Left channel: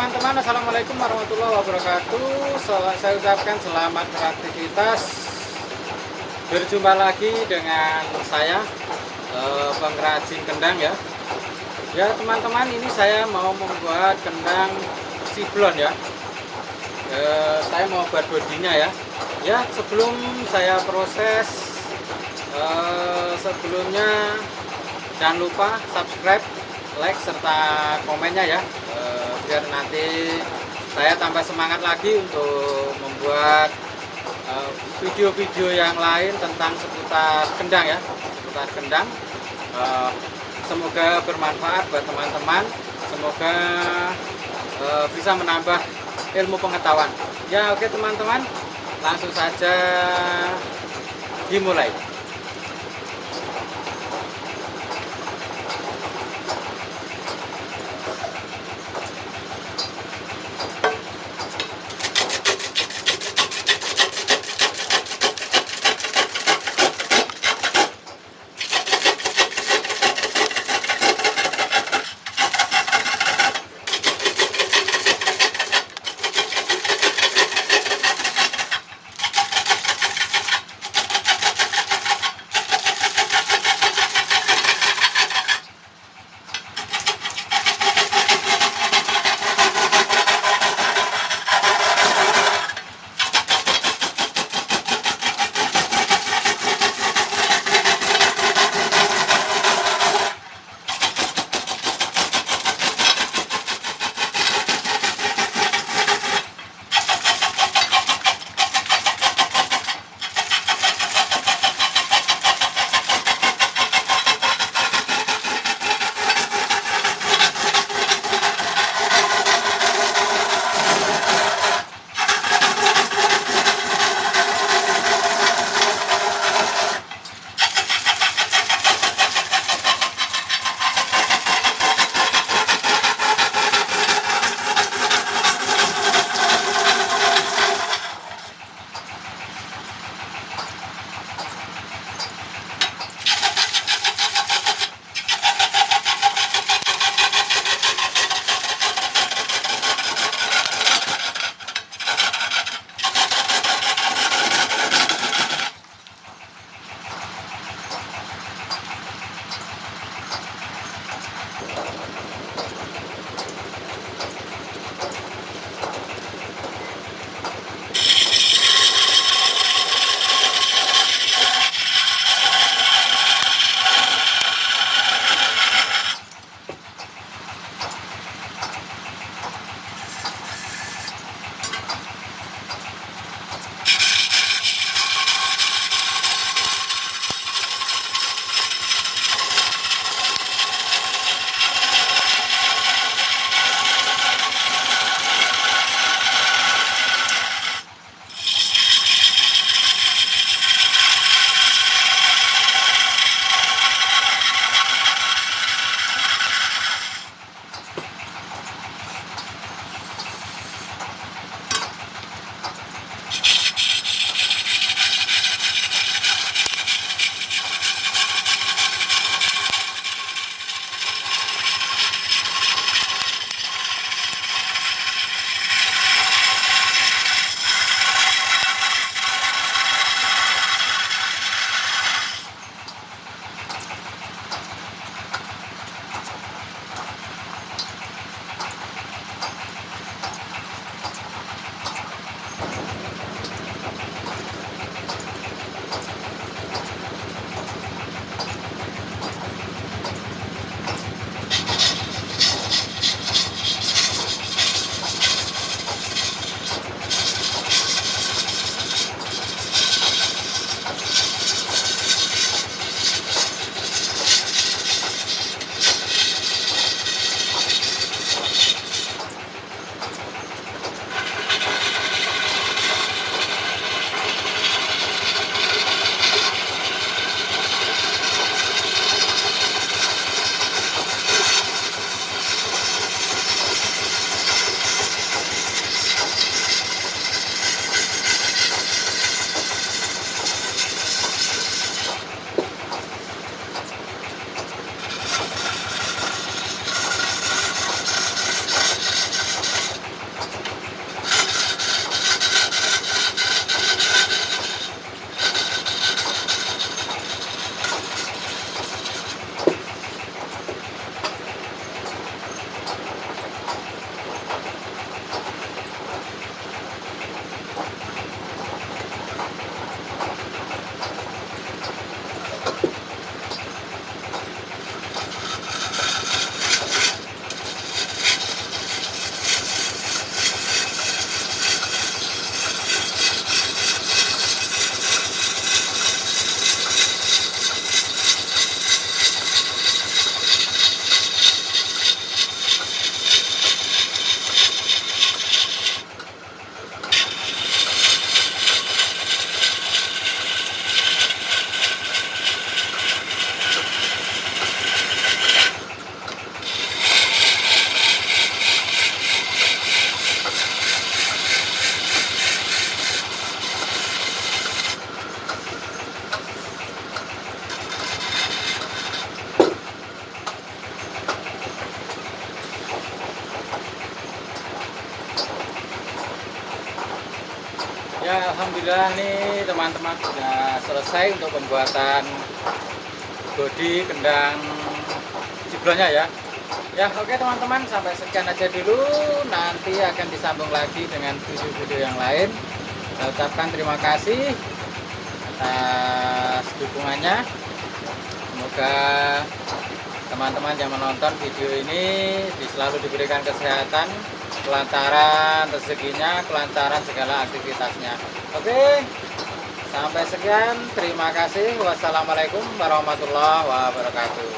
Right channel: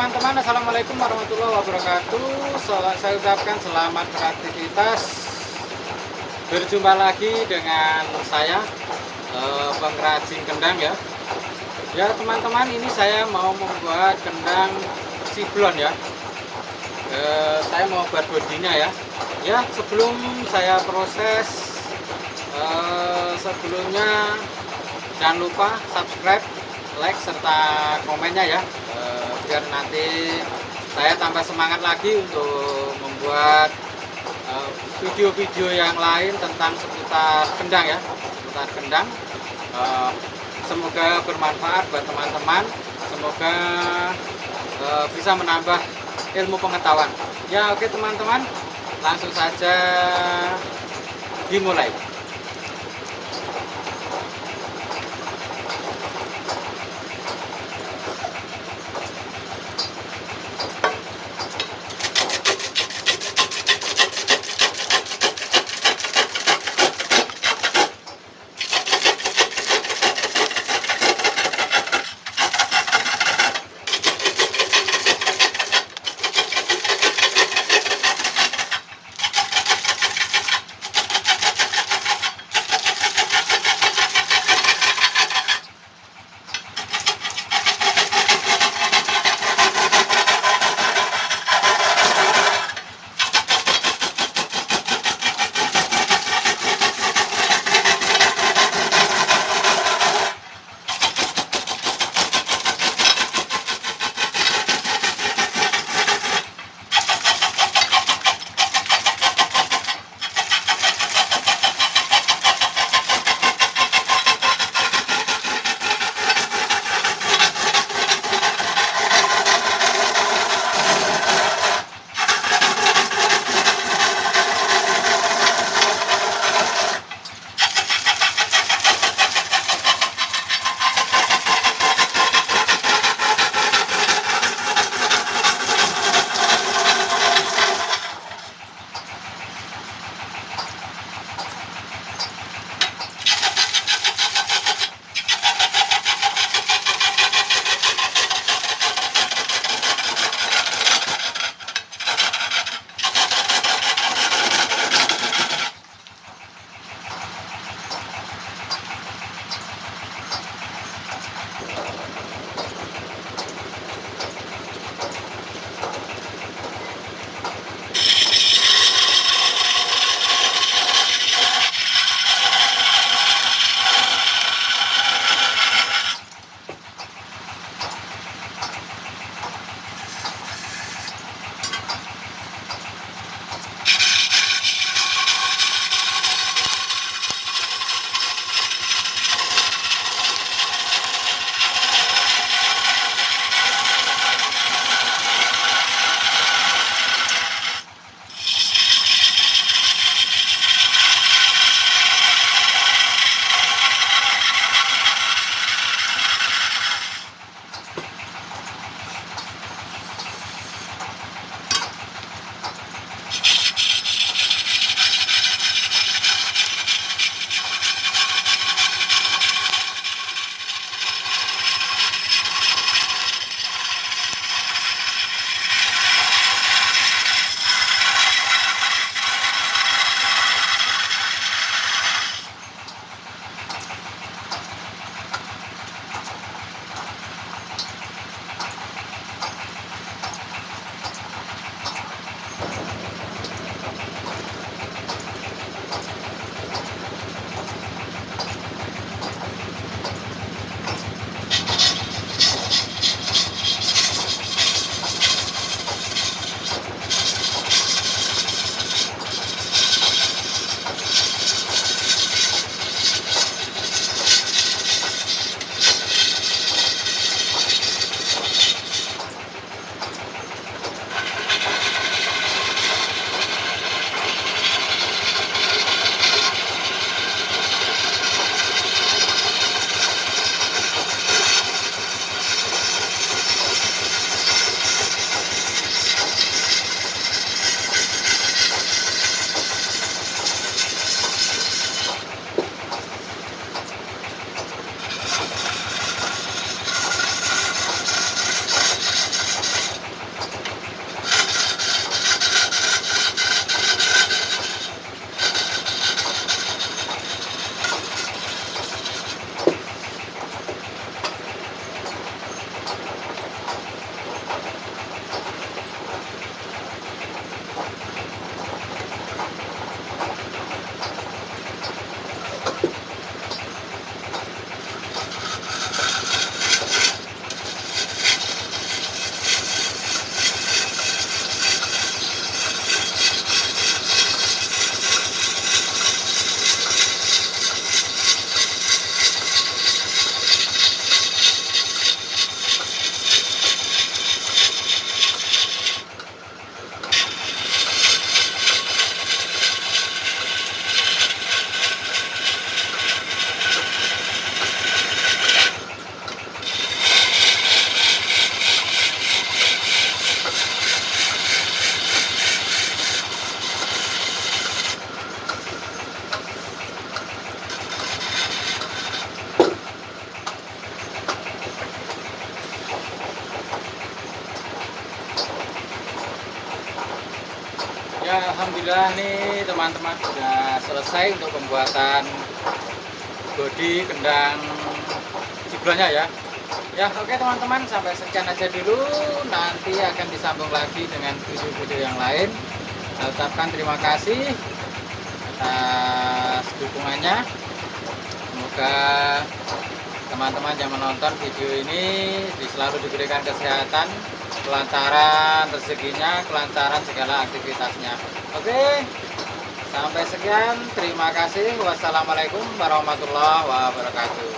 teman-teman, assalamualaikum warahmatullahi wabarakatuh. Saya ucapkan selamat beraktivitas. Berjumpa lagi dengan saya, pengrajin kendang ya. Ya teman-teman, ini saya mau membuat kendang siblon ya. Saya mau buat bodinya ya. Ya sebelum saya proses, sebelumnya jangan lupa subscribe, like serta komennya ya, biar nanti saya tambah semangat lagi untuk membuat video-video yang lain tentang seputar kendang ya, seputar kendang. Semoga bermanfaat buat teman-teman, semoga bisa menambah ilmu pengetahuan ya. Oke teman-teman, langsung saja dimulai. Ya, alhamdulillah nih teman-teman sudah selesai untuk pembuatan bodi kendang jiblonya ya. Ya, oke teman-teman, sampai sekian aja dulu. Nanti akan disambung lagi dengan video-video yang lain. Saya ucapkan terima kasih atas dukungannya. Semoga teman-teman yang menonton video ini selalu diberikan kesehatan, kelancaran rezekinya, kelancaran segala aktivitasnya. Oke, sampai sekian. Terima kasih. Wassalamualaikum warahmatullahi wabarakatuh.